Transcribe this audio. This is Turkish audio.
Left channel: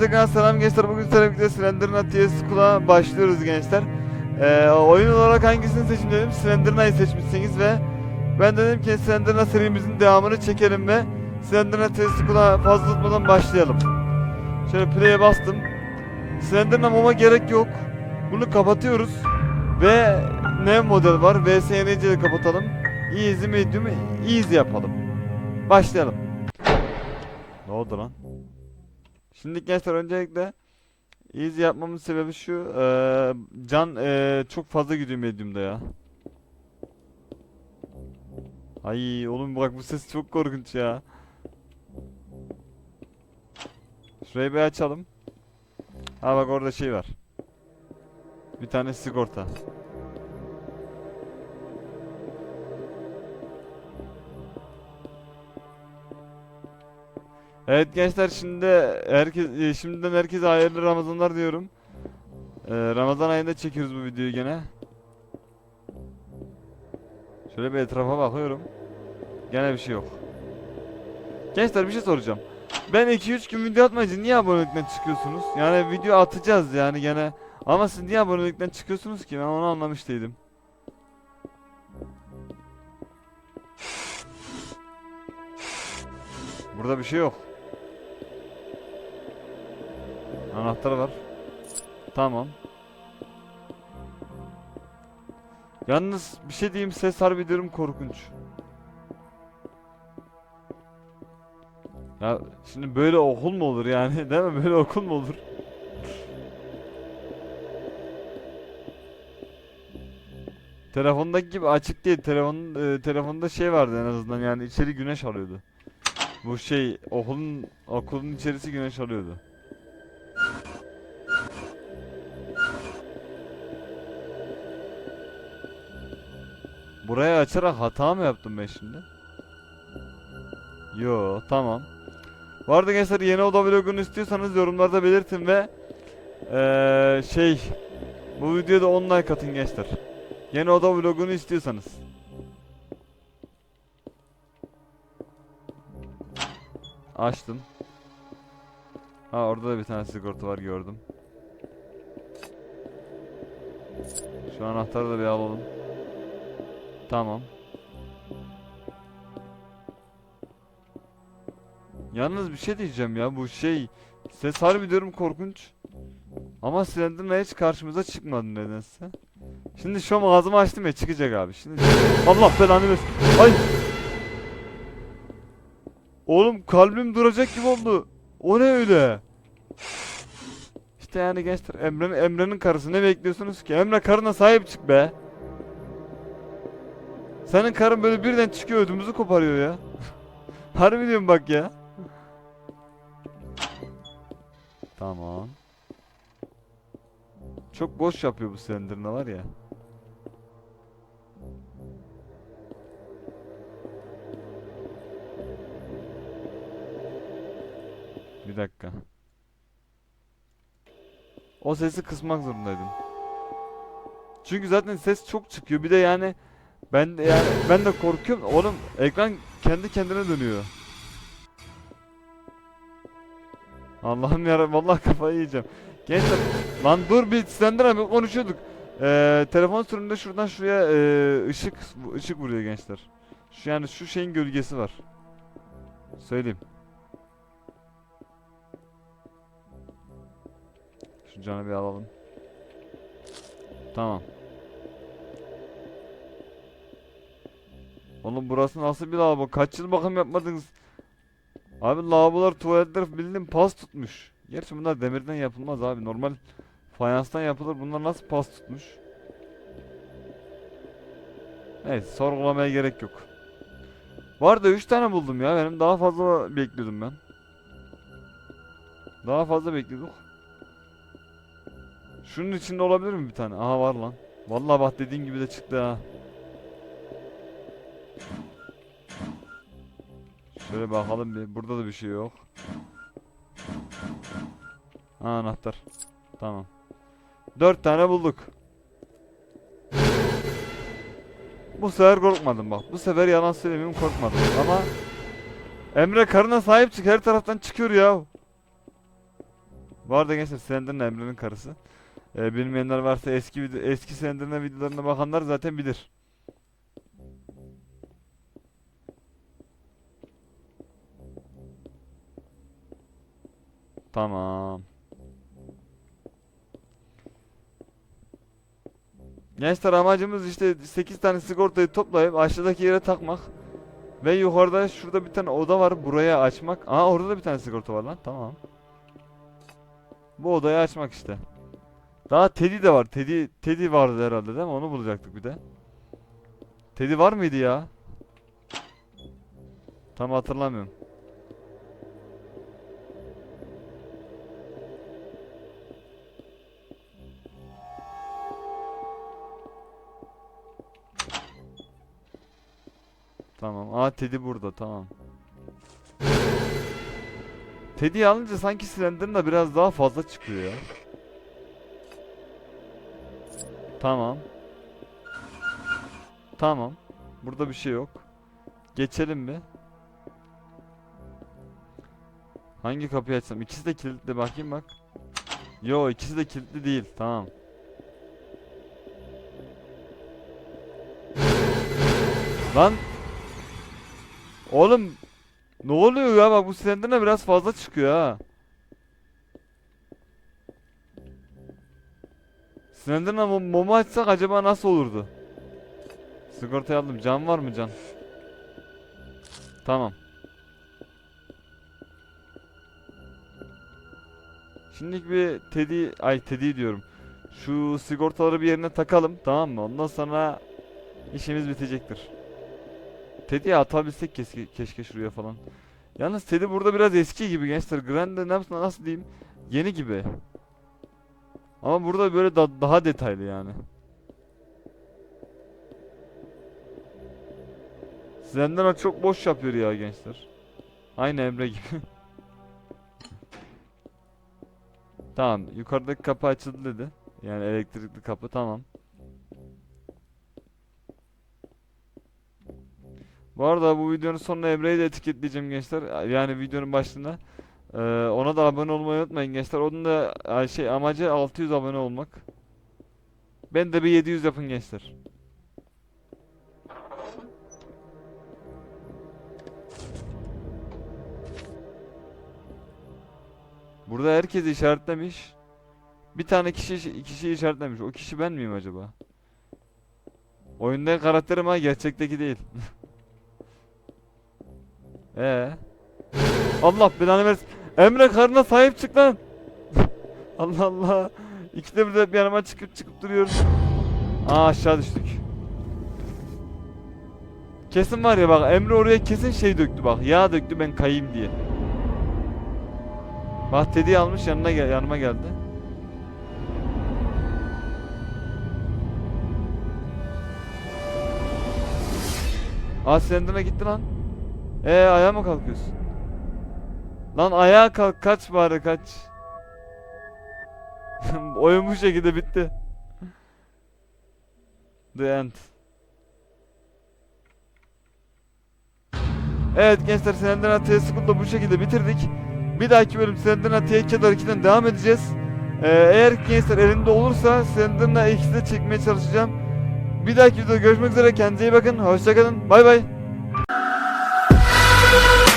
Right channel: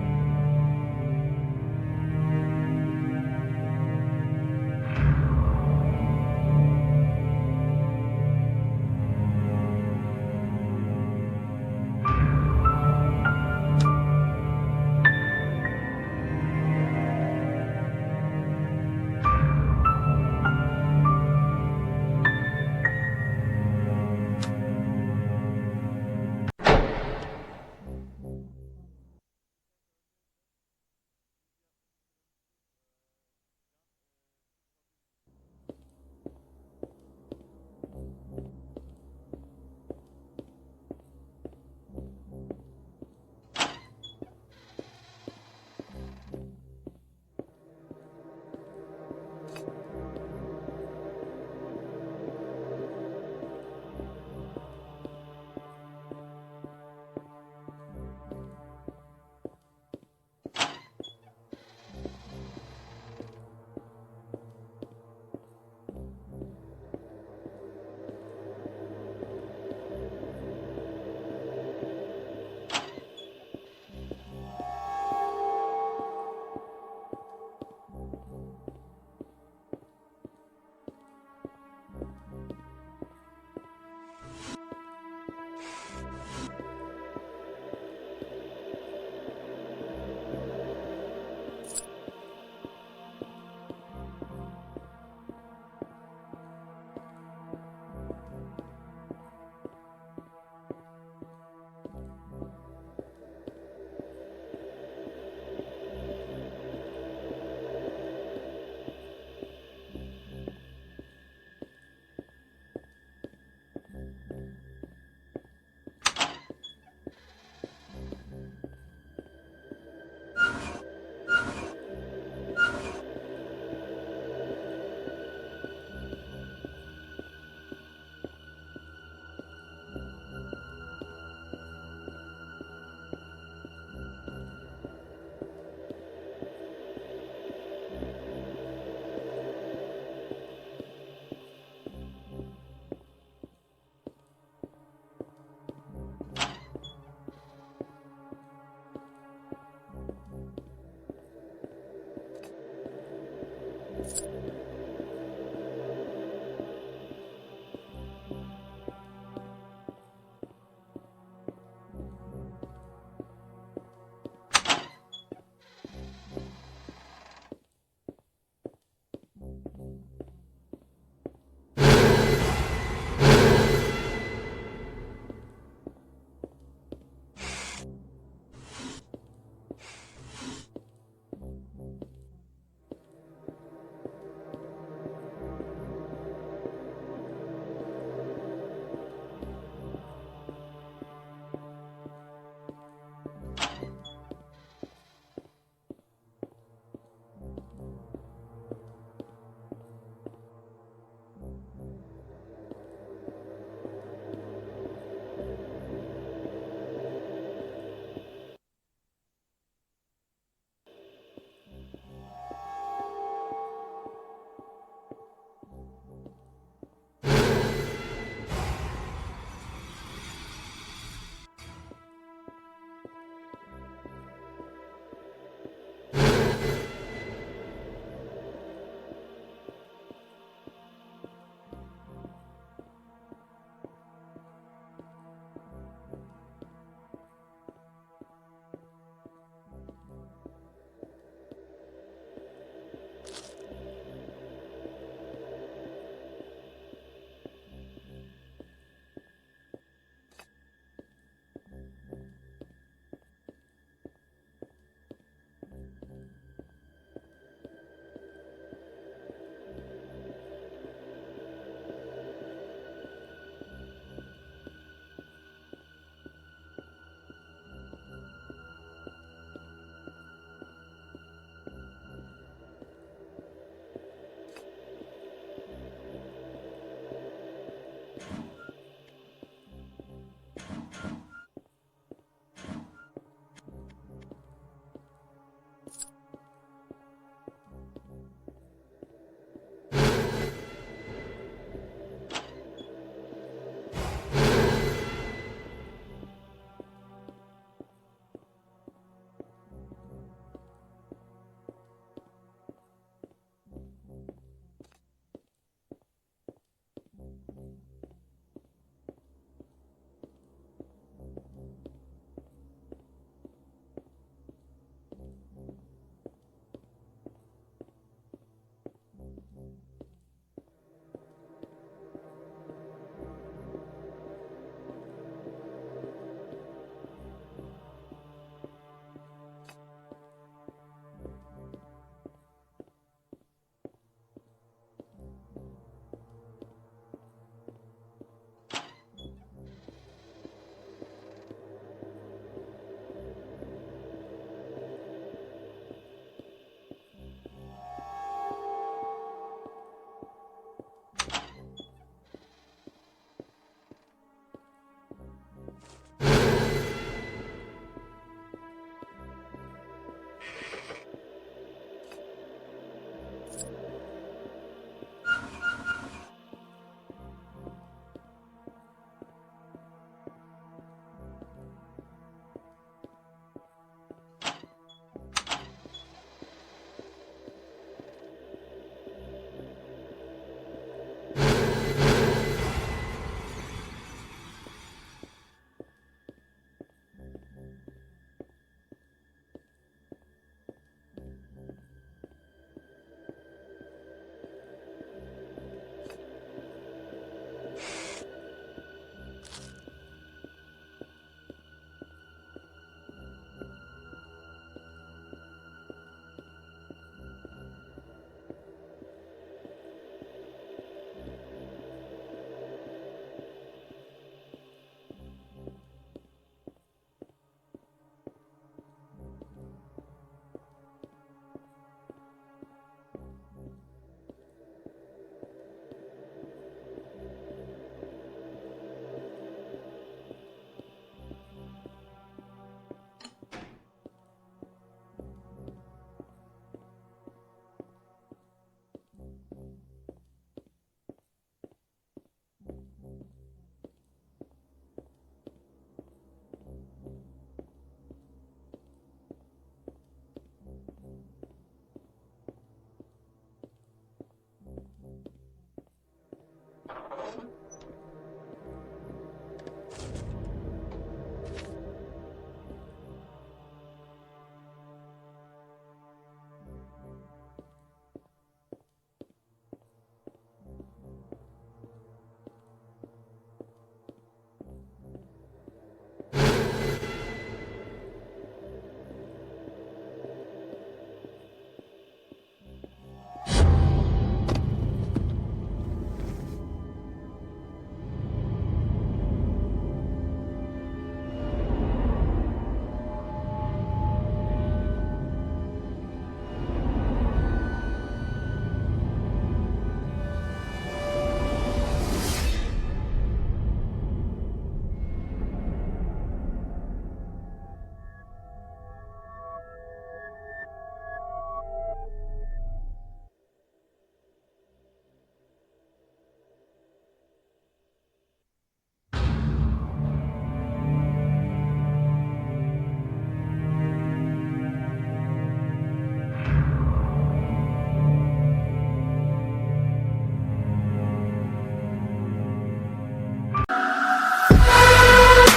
tekrar selam gençler. Bugün sizlerle birlikte Slenderman TS başlıyoruz gençler. Ee, oyun olarak hangisini seçin dedim. Slenderman'ı seçmişsiniz ve ben dedim ki Slenderman serimizin devamını çekelim ve Slenderman TS fazla tutmadan başlayalım. Şöyle play'e bastım. Slenderman mama gerek yok. Bunu kapatıyoruz ve ne model var? VSNC'yi de kapatalım. Easy medium easy yapalım. Başlayalım. Ne oldu lan? Şimdi gençler öncelikle easy yapmamın sebebi şu eee, can eee, çok fazla gidiyor medium'da ya. Ay oğlum bak bu ses çok korkunç ya. Şurayı bir açalım. Ha bak orada şey var. Bir tane sigorta. Evet gençler şimdi herkes e, şimdiden herkese hayırlı Ramazanlar diyorum. Ee, Ramazan ayında çekiyoruz bu videoyu gene. Şöyle bir etrafa bakıyorum. Gene bir şey yok. Gençler bir şey soracağım. Ben 2-3 gün video atmayınca niye abonelikten çıkıyorsunuz? Yani video atacağız yani gene. Ama siz niye abonelikten çıkıyorsunuz ki? Ben onu anlamış değilim. Burada bir şey yok. Anahtar var. Tamam. Yalnız bir şey diyeyim ses harbi korkunç. Ya şimdi böyle okul mu olur yani değil mi? Böyle okul mu olur? Telefondaki gibi açık değil. Telefon e, telefonda şey vardı en azından yani içeri güneş alıyordu. Bu şey okulun okulun içerisi güneş alıyordu. Burayı açarak hata mı yaptım ben şimdi? Yo tamam. Bu arada gençler yeni oda vlogunu istiyorsanız yorumlarda belirtin ve eee, şey bu videoda 10 like atın gençler. Yeni oda vlogunu istiyorsanız. Açtım. Ha orada da bir tane sigorta var gördüm. Şu anahtarı da bir alalım. Tamam. Yalnız bir şey diyeceğim ya bu şey ses harbi diyorum korkunç. Ama Slenderman hiç karşımıza çıkmadı nedense. Şimdi şu an ağzımı açtım ya çıkacak abi. Şimdi Allah belanı versin. Ay. Oğlum kalbim duracak gibi oldu. O ne öyle? İşte yani gençler Emre'nin Emre'nin karısı ne bekliyorsunuz ki? Emre karına sahip çık be. Senin karın böyle birden çıkıyor ödümüzü koparıyor ya. Harbi diyorum bak ya. Tamam. Çok boş yapıyor bu Slenderman var ya. Bir dakika. O sesi kısmak zorundaydım. Çünkü zaten ses çok çıkıyor. Bir de yani ben yani ben de korkuyorum. Oğlum ekran kendi kendine dönüyor. Allah'ım ya vallahi kafayı yiyeceğim. Gençler lan dur bir Slender abi konuşuyorduk. Ee, telefon sürümünde şuradan şuraya ee, ışık ışık vuruyor gençler. Şu yani şu şeyin gölgesi var. Söyleyeyim. Şu canı bir alalım. Tamam. Oğlum burası nasıl bir lavabo? Kaç yıl bakım yapmadınız? Abi lavabolar, tuvaletler bildiğin pas tutmuş. Gerçi bunlar demirden yapılmaz abi. Normal fayanstan yapılır. Bunlar nasıl pas tutmuş? Evet, sorgulamaya gerek yok. Bu arada 3 tane buldum ya. Benim daha fazla bekliyordum ben. Daha fazla bekliyorduk. Şunun içinde olabilir mi bir tane? Aha var lan. Vallahi bak dediğin gibi de çıktı ha. Şöyle bakalım bir. Burada da bir şey yok. Ha, anahtar. Tamam. Dört tane bulduk. Bu sefer korkmadım bak. Bu sefer yalan söylemeyeyim korkmadım. Ama Emre karına sahip çık. Her taraftan çıkıyor ya. Bu arada gençler Slender'ın Emre'nin karısı. Ee, bilmeyenler varsa eski eski Slender'ın videolarına bakanlar zaten bilir. Tamam. Gençler amacımız işte 8 tane sigortayı toplayıp aşağıdaki yere takmak. Ve yukarıda şurada bir tane oda var buraya açmak. Aa orada da bir tane sigorta var lan tamam. Bu odayı açmak işte. Daha Teddy de var. Teddy, Teddy vardı herhalde değil mi? Onu bulacaktık bir de. Teddy var mıydı ya? Tam hatırlamıyorum. Tamam. Aa Teddy burada. Tamam. Teddy'yi alınca sanki Slender'ın da biraz daha fazla çıkıyor. Tamam. Tamam. Burada bir şey yok. Geçelim mi? Hangi kapıyı açsam? İkisi de kilitli bakayım bak. Yo ikisi de kilitli değil. Tamam. Lan Oğlum ne oluyor ya bak bu Slender'ına biraz fazla çıkıyor ha. Slender'ına mum, mumu açsak acaba nasıl olurdu? Sigortayı aldım. Cam var mı cam? Tamam. Şimdilik bir Teddy, ay Teddy diyorum. Şu sigortaları bir yerine takalım tamam mı? Ondan sonra işimiz bitecektir. Teddy'ye atabilsek keşke, keşke şuraya falan. Yalnız Teddy burada biraz eski gibi gençler. Grande nasıl, nasıl diyeyim? Yeni gibi. Ama burada böyle da- daha detaylı yani. Zendana çok boş yapıyor ya gençler. Aynı Emre gibi. tamam, yukarıdaki kapı açıldı dedi. Yani elektrikli kapı tamam. Bu arada bu videonun sonuna Emre'yi de etiketleyeceğim gençler. Yani videonun başında. Ee, ona da abone olmayı unutmayın gençler. Onun da e, şey amacı 600 abone olmak. Ben de bir 700 yapın gençler. Burada herkes işaretlemiş. Bir tane kişi kişi işaretlemiş. O kişi ben miyim acaba? Oyundaki karakterim ha gerçekteki değil. Ee. Allah belanı versin. Emre karına sahip çık lan. Allah Allah. İkide bir de hep yanıma çıkıp çıkıp duruyorum. Aa aşağı düştük. Kesin var ya bak Emre oraya kesin şey döktü bak. Yağ döktü ben kayayım diye. Bak Teddy'yi almış yanına gel yanıma geldi. Aa Slender'e gitti lan. Ee ayağa mı kalkıyorsun? Lan ayağa kalk kaç bari kaç. Oyun bu şekilde bitti. The end. Evet gençler Slender Atiye School'da bu şekilde bitirdik. Bir dahaki bölüm Slender Atiye 2 2'den devam edeceğiz. Ee, eğer gençler elinde olursa Slender'la ikisini de çekmeye çalışacağım. Bir dahaki videoda görüşmek üzere kendinize iyi bakın. Hoşçakalın. Bay bay. Yeah.